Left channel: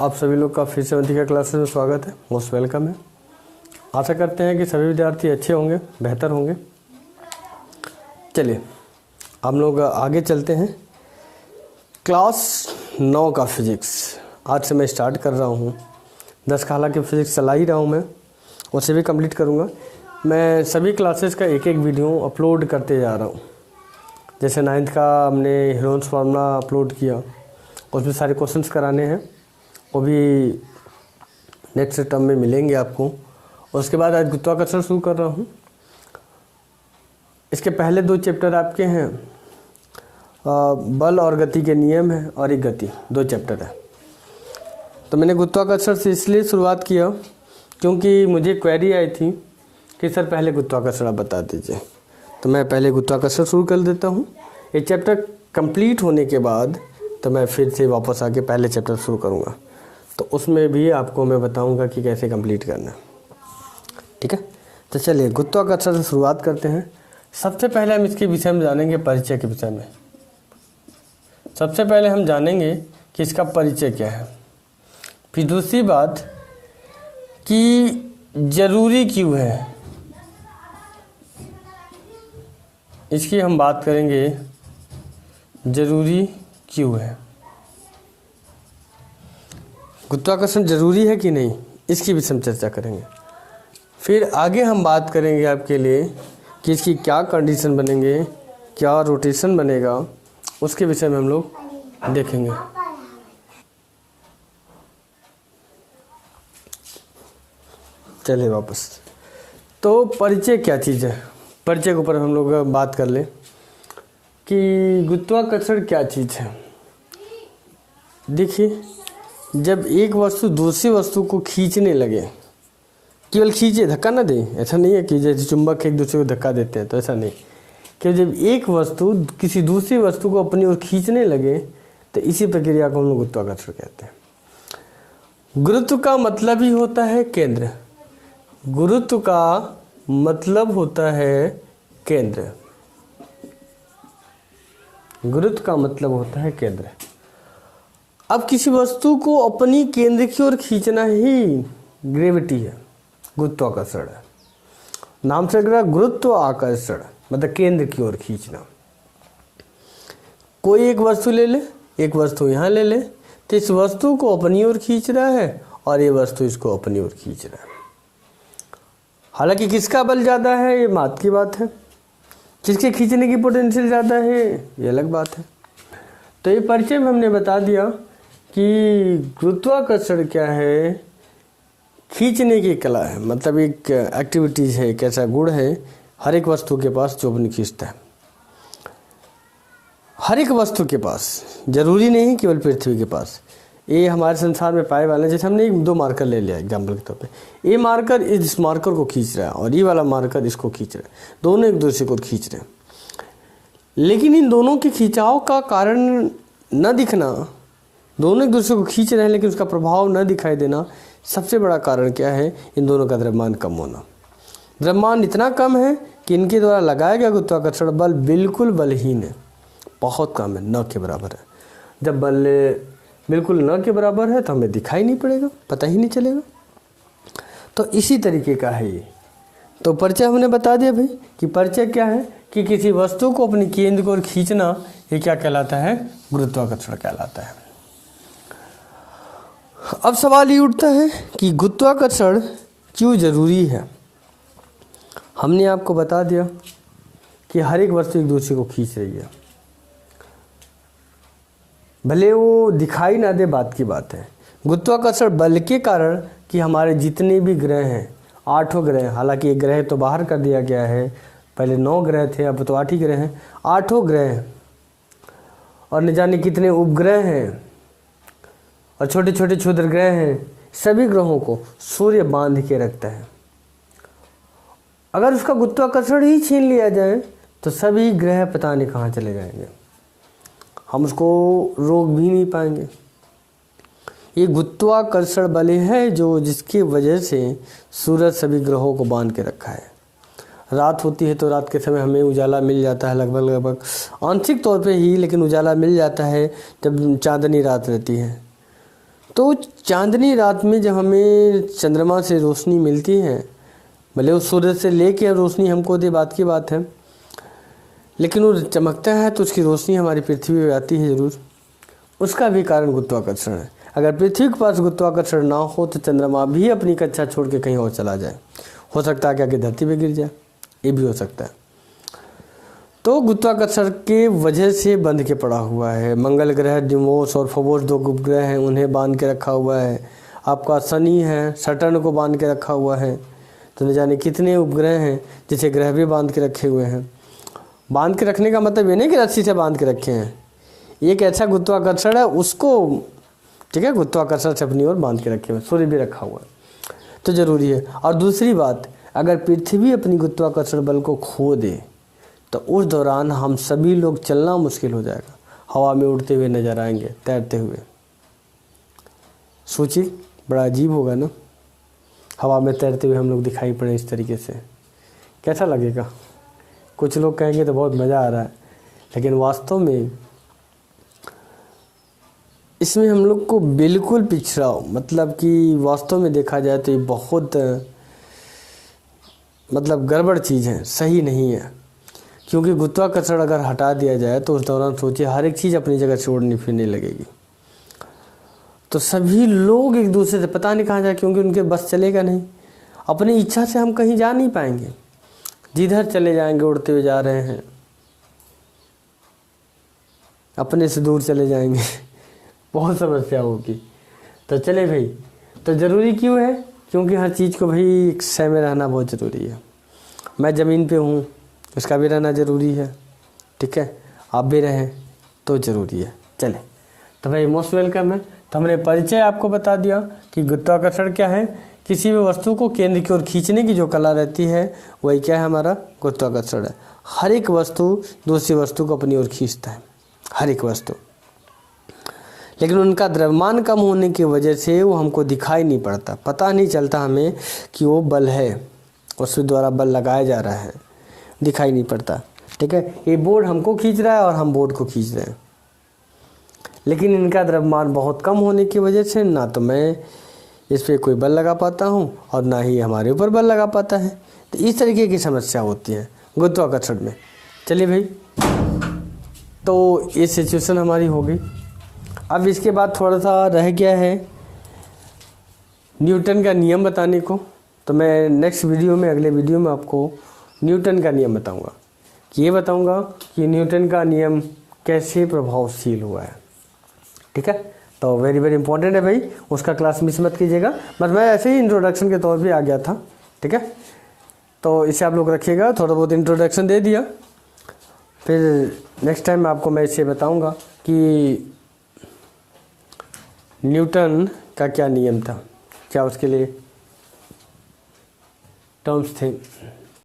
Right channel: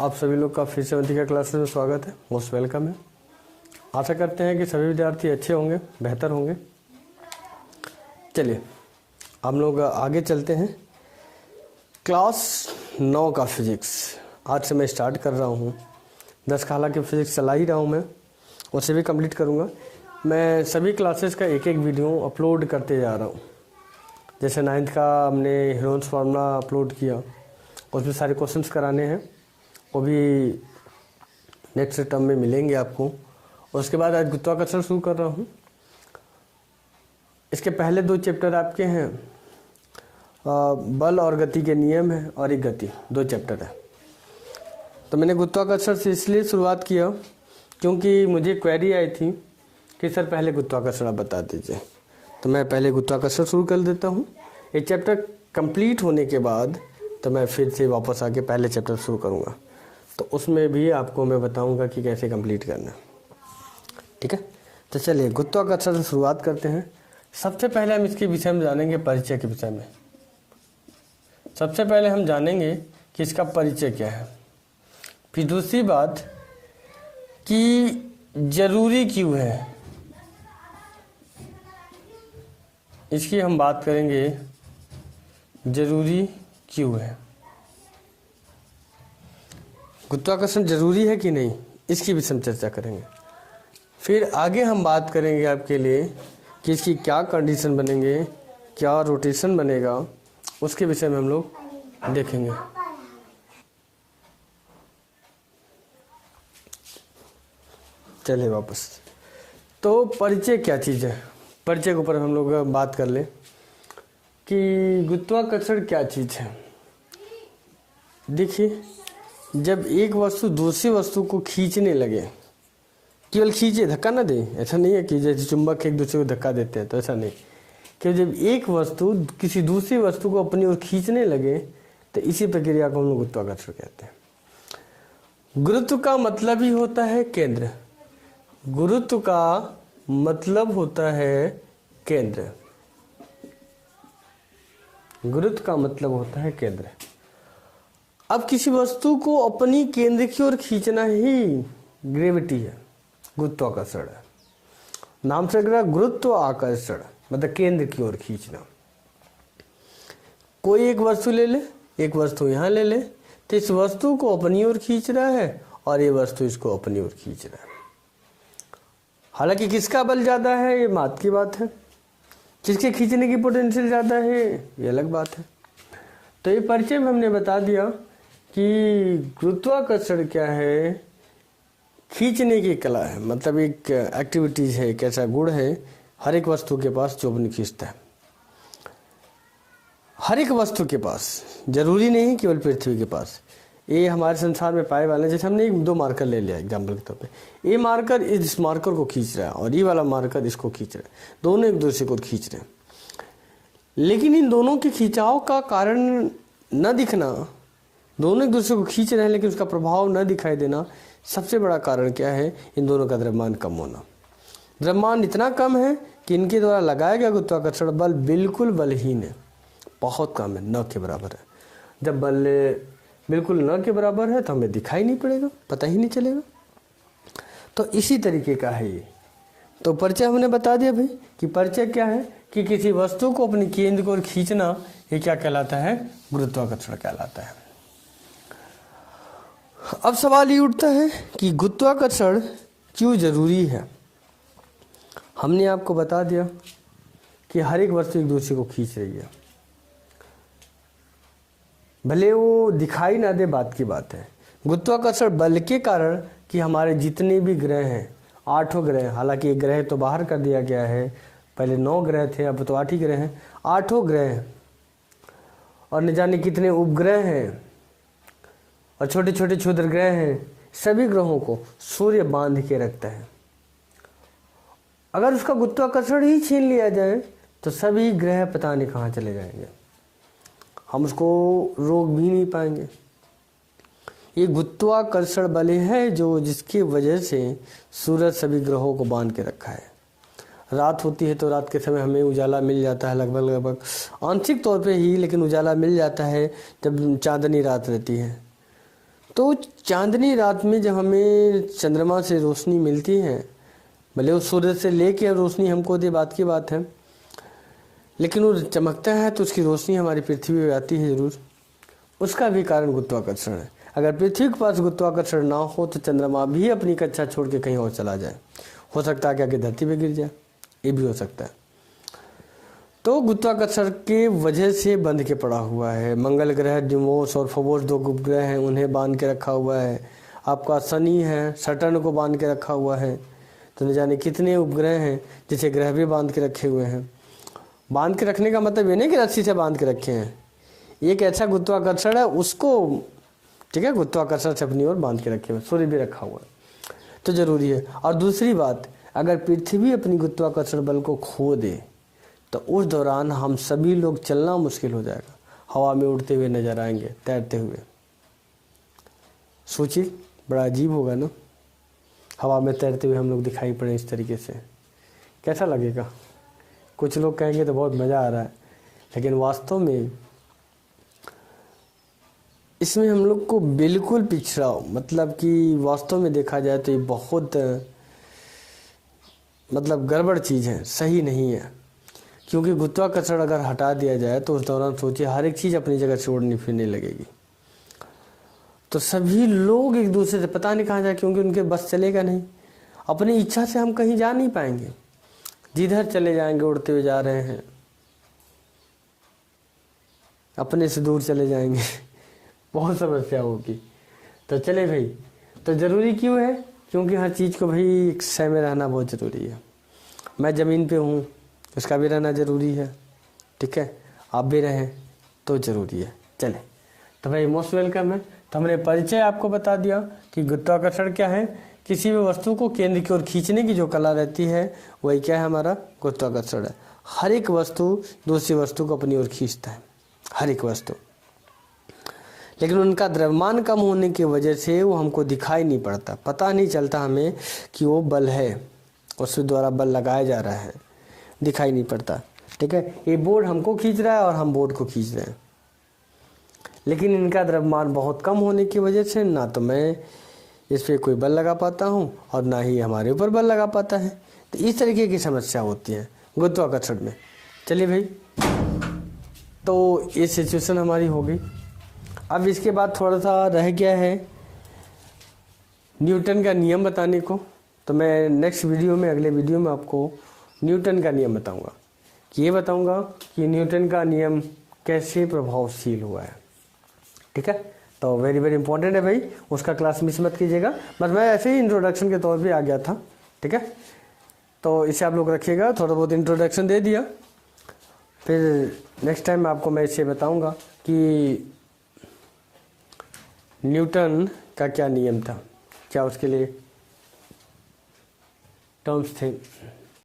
आप सभी लोग का फिर से वंतिका क्लासेस में स्वागत है। मोस्ट वेलकम है। आशा करते हैं कि सभी विद्यार्थी अच्छे होंगे, बेहतर होंगे। चलिए हम लोग आगे चलते हैं। क्लास 9 का फिजिक्स आज से मैं स्टार्ट कर रहा हूँ। 10 का हालांकि फिजिक्स चला ही रहा हूँ मैं, उसे भी कंप्लीट करूँगा। मैं सभी क्लासेस का एक एक वीडियो अपलोड करते जा रहा हूँ। जैसे 9th का हमने हेलोन्स फार्मूला अपलोड किया, उसमें सारे क्वेश्चंस कराने हैं, वो भी नेक्स्ट टर्म में मिलेंगे आपको। उसके बाद आज गुरुत्वाकर्षण शुरू कर रहा हूँ। इसके पहले 2 चैप्टर आपके हैं, बल और गति के नियम है और एक गति, 2 चैप्टर है। तो मैंने गुरुत्वाकर्षण से इसलिए शुरुआत किया क्योंकि मुझे क्वेरी आई थी कि सर पहले गुरुत्वाकर्षण आप बता दीजिए। तो मैं पहले गुरुत्वाकर्षण शुरू कर देता हूँ। एक चैप्टर कंप्लीट होने के बाद तो मैं फिर से वापस आके पहले चैप्टर शुरू करूँगा। तो उसमें भी आपको मैं बताऊँगा कि कैसे कंप्लीट करना है। ठीक है, तो चलिए गुरुत्वाकर्षण से शुरुआत करते हैं। सबसे पहले हम इसके विषय में जानेंगे, परिचय के विषय में। सबसे पहले हम जानेंगे कि इसका परिचय क्या है। फिर दूसरी बात कि जरूरी क्यों है, इसकी हम बात करेंगे, जरूरी क्यों है। गुरुत्वाकर्षण जरूरी है कि नहीं, इसकी भी हम चर्चा करेंगे। फिर आगे हम बात करेंगे आपके लिए कि इसकी क्या कंडीशन बनेंगे, क्या रोटेशन बनेगा, उसके विषय में हम लोग देखेंगे। चलिए वापस। तो परिचय क्या चीज़ है, परिचय के ऊपर हम लोग बात कर लें कि गुरुत्वाकर्षण क्या चीज़ है। देखिए, जब एक वस्तु दूसरी वस्तु को खींचने लगे, केवल खींचे, धक्का ना दे, ऐसा नहीं है कि जैसे चुंबक एक दूसरे को धक्का देते हैं, तो ऐसा नहीं। कि जब एक वस्तु किसी दूसरी वस्तु को अपनी ओर खींचने लगे तो इसी प्रक्रिया को हम लोग गुरुत्वाकर्षण कहते हैं। गुरुत्व का मतलब ही होता है केंद्र। गुरुत्व का मतलब होता है केंद्र। गुरुत्व का मतलब होता है केंद्र। अब किसी वस्तु को अपनी केंद्र की ओर खींचना ही ग्रेविटी है, गुरुत्वाकर्षण है। नाम से लग रहा है गुरुत्व आकर्षण, मतलब केंद्र की ओर खींचना। कोई एक वस्तु ले ले, एक वस्तु यहाँ ले ले, तो इस वस्तु को अपनी ओर खींच रहा है और ये वस्तु इसको अपनी ओर खींच रहा है। हालांकि किसका बल ज़्यादा है ये बात की बात है, किसके खींचने की पोटेंशियल ज़्यादा है ये अलग बात है। तो ये परिचय में हमने बता दिया कि गुरुत्वाकर्षण क्या है, खींचने की कला है, मतलब एक एक्टिविटीज़ है, एक ऐसा गुण है हर एक वस्तु के पास जो अपनी खींचता है। हर एक वस्तु के पास, जरूरी नहीं केवल पृथ्वी के पास। ये हमारे संसार में पाए वाले, जैसे हमने 2 मार्कर ले लिया एग्जाम्पल के तौर पे, ये मार्कर इस मार्कर को खींच रहा है और ये वाला मार्कर इसको खींच रहा है, दोनों एक दूसरे को खींच रहे हैं। लेकिन इन दोनों के खिंचाव का कारण न दिखना, दोनों एक दूसरे को खींच रहे हैं लेकिन उसका प्रभाव न दिखाई देना, सबसे बड़ा कारण क्या है, इन दोनों का द्रव्यमान कम होना। द्रव्यमान इतना कम है कि इनके द्वारा लगाया गया गुरुत्वाकर्षण बल बिल्कुल बलहीन है, बहुत कम है, न के बराबर है। जब बल बिल्कुल न के बराबर है तो हमें दिखाई नहीं पड़ेगा, पता ही नहीं चलेगा। तो इसी तरीके का है ये। तो परिचय हमने बता दिया भाई कि परिचय क्या है, कि किसी वस्तु को अपनी केंद्र को खींचना, ये क्या कहलाता है, गुरुत्वाकर्षण कहलाता है। अब सवाल ये उठता है कि गुरुत्वाकर्षण क्यों जरूरी है। हमने आपको बता दिया कि हर एक वस्तु एक दूसरे को खींच रही है, भले वो दिखाई ना दे, बात की बात है। गुरुत्वाकर्षण बल के कारण कि हमारे जितने भी ग्रह हैं, 8 ग्रह, हालांकि एक ग्रह तो बाहर कर दिया गया है, पहले 9 ग्रह थे, अब तो 8 ही ग्रह हैं, 8 ग्रह हैं और न जाने कितने उपग्रह हैं और छोटे छोटे क्षुद्र ग्रह हैं। सभी ग्रहों को सूर्य बांध के रखता है। अगर उसका गुरुत्वाकर्षण ही छीन लिया जाए तो सभी ग्रह पता नहीं कहाँ चले जाएंगे, हम उसको रोक भी नहीं पाएंगे। ये गुरुत्वाकर्षण बल है जो, जिसकी वजह से सूरज सभी ग्रहों को बांध के रखा है। रात होती है तो रात के समय हमें उजाला मिल जाता है, लगभग आंशिक तौर पे ही, लेकिन उजाला मिल जाता है जब चांदनी रात रहती है। तो चांदनी रात में जब हमें चंद्रमा से रोशनी मिलती है, भले उस सूरज से लेके रोशनी हमको दे, बात की बात है, लेकिन वो चमकता है तो उसकी रोशनी हमारी पृथ्वी पे आती है ज़रूर। उसका भी कारण गुरुत्वाकर्षण है। अगर पृथ्वी के पास गुरुत्वाकर्षण ना हो तो चंद्रमा भी अपनी कक्षा छोड़ के कहीं और चला जाए। हो सकता है क्या कि धरती पे गिर जाए, ये भी हो सकता है। तो गुरुत्वाकर्षण के वजह से बंध के पड़ा हुआ है। मंगल ग्रह डिमोस और फोबोस 2 उपग्रह हैं, उन्हें बांध के रखा हुआ है। आपका शनि है, सटर्न को बांध के रखा हुआ है। तो न जाने कितने उपग्रह हैं जिसे ग्रह भी बांध के रखे हुए हैं। बांध के रखने का मतलब ये नहीं कि रस्सी से बांध के रखे हैं, एक ऐसा गुरुत्वाकर्षण है उसको, ठीक है, गुरुत्वाकर्षण से अपनी ओर बांध के रखे हुए। सूर्य भी रखा हुआ है, तो जरूरी है। और दूसरी बात, अगर पृथ्वी अपनी गुरुत्वाकर्षण बल को खो दे तो उस दौरान हम सभी लोग चलना मुश्किल हो जाएगा। हवा में उड़ते हुए नजर आएंगे, तैरते हुए। सोचिए, बड़ा अजीब होगा ना, हवा में तैरते हुए हम लोग दिखाई पड़े इस तरीके से, कैसा लगेगा? कुछ लोग कहेंगे तो बहुत मज़ा आ रहा है, लेकिन वास्तव में इसमें हम लोग को बिल्कुल पिछड़ा, मतलब कि वास्तव में देखा जाए तो ये बहुत मतलब गड़बड़ चीज़ है, सही नहीं है। क्योंकि गुरुत्वाकर्षण अगर हटा दिया जाए तो उस दौरान सोचिए हर एक चीज़ अपनी जगह से उड़ने फिरने लगेगी। तो सभी लोग एक दूसरे से पता नहीं कहाँ जाए, क्योंकि उनके बस चलेगा नहीं। अपनी इच्छा से हम कहीं जा नहीं पाएंगे, जिधर चले जाएंगे उड़ते हुए जा रहे हैं, अपने से दूर चले जाएंगे बहुत समस्या होगी। तो चले भाई, तो ज़रूरी क्यों है? क्योंकि हर चीज़ को भाई एक सह में रहना बहुत ज़रूरी है। मैं ज़मीन पे हूँ, उसका भी रहना ज़रूरी है, ठीक है, आप भी रहें तो ज़रूरी है। चले, तो भाई मोस्ट वेलकम है। तो हमने परिचय आपको बता दिया कि गुरुत्वाकर्षण क्या है। किसी भी वस्तु को केंद्र की ओर खींचने की जो कला रहती है वही क्या है, हमारा गुरुत्वाकर्षण है। हर एक वस्तु दूसरी वस्तु को अपनी ओर खींचता है, हर एक वस्तु, लेकिन उनका द्रव्यमान कम होने की वजह से वो हमको दिखाई नहीं पड़ता, पता नहीं चलता हमें कि वो बल है, उसके द्वारा बल लगाया जा रहा है, दिखाई नहीं पड़ता। ठीक है, ये बोर्ड हमको खींच रहा है और हम बोर्ड को खींच रहे हैं, लेकिन इनका द्रव्यमान बहुत कम होने की वजह से ना तो मैं इस पर कोई बल लगा पाता हूँ और ना ही हमारे ऊपर बल लगा पाता है। तो इस तरीके की समस्या होती है गुरुत्वाकर्षण में। चलिए भाई, तो ये सिचुएशन हमारी हो गई। अब इसके बाद थोड़ा सा रह गया है न्यूटन का नियम बताने को। तो मैं नेक्स्ट वीडियो में, अगले वीडियो में आपको न्यूटन का नियम बताऊंगा, कि ये बताऊंगा कि न्यूटन का नियम कैसे प्रभावशील हुआ है। ठीक है, तो वेरी वेरी इंपॉर्टेंट है भाई, उसका क्लास मिस मत कीजिएगा। बस मैं ऐसे ही इंट्रोडक्शन के तौर पे आ गया था। ठीक है, तो इसे आप लोग रखिएगा, थोड़ा बहुत इंट्रोडक्शन दे दिया, फिर नेक्स्ट टाइम आपको मैं इसे बताऊंगा कि न्यूटन का क्या नियम था, क्या उसके लिए टर्म्स थे।